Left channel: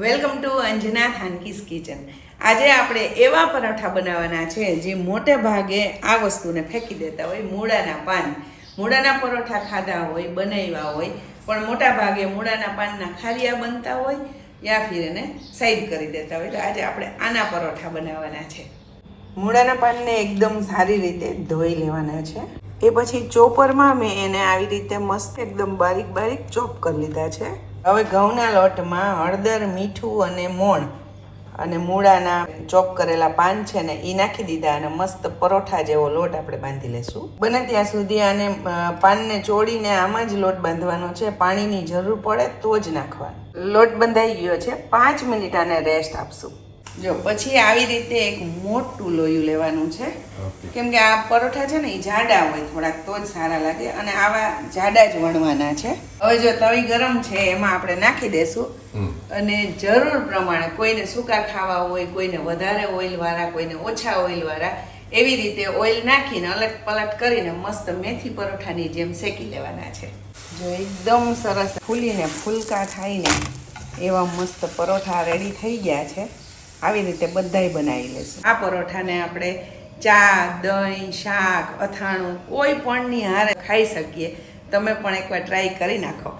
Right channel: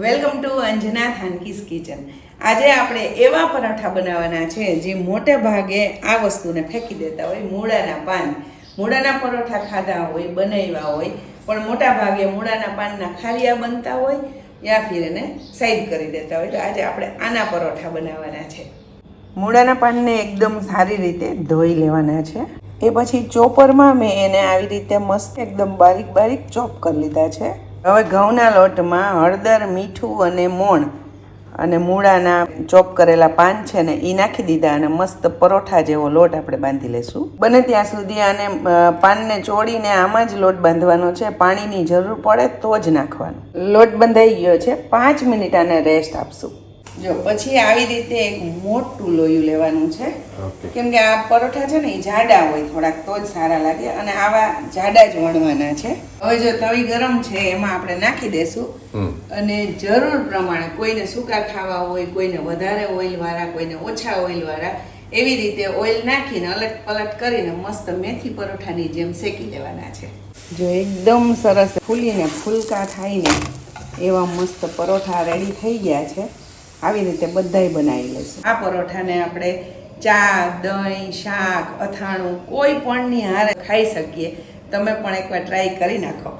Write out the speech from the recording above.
Welcome to Anjana Thanki's kitchen. આજે આપણે એવા પરાઠા બનાવવાના છે જે મોટે ભાગે આ વસ્તુને ફેંકી દેતા હોય, મૂળાના પાન. મૂળાના પરોઠા ખાધા હોય, બનાવ્યા હોય, પણ મોટા ભાગે મૂળાના પાનના ખારિયા બનતા હોય યા ફિર એને સાઈડ કરી દેતા હોય. તો આજે આપણે આના પરોઠા બનાવવાના છે. મૂળાના પાનને એકદમ સારી રીતે ધોઈ લેવાના છે. એ પછી ચોપરમાં મેં એને આવી રીતે મસ્ત એકદમ બારીક બારીક ચોપ કરી લીધા છે. હવે ઘઉંના લોટમાં હળદર, મીઠું અને મોણ અને મૂળાના ચોપ કરેલા પાન છે ને એ નાખી દીધા અને મસ્ત પરોઠા જેવો લોટ આપણે બાંધી લેશું. બને ત્યાં સુધી આને પાનને ચોળીને આમાં જ લોટ બાંધવાનો છે. પાણીની જરૂર પડે તો જ નાખવાનો. લોટ બંધાઈ ગયો છે. 5 મિનિટ આને રેસ્ટ આપશું. જો પછી આવી રીતે એક મોટું લોયું લેવાનું છે, કેમ કે આ પરોઠા છે ને એ જાડા હોય થોડાક, તો જ સારા લાગે, અને આવા જાડા જ વણવાના છે. હવે જો તવી ગરમ છે એમાં આપણે નાખી દેશું અને જરૂર પ્રમાણે, કોઈને સૂકા ખાવા હોય, કોઈને વધારે ઓઇલવાળા, કોઈને ઓછા ઓઇલવાળા, એવી રીતે ઓઇલ નાખીને અલટ પલટ કરીને મસ્ત મેથી પરોઠાની જેમ શેકી લેવાના છે. જો એકદમ સરસ ફૂલીને ફૂલકા થાયને એવા મસ્ત પરોઠા રેડી થઈ ગયા છે. આવી રીતે બધાય બનાવી લેશું. આ પરોઠાને આપણે ચા, દહીં, શાક, અથાણું કોઈ પણની હારે ખાઈ શકીએ. તમે પણ એકવાર ટ્રાય કરી નાખો.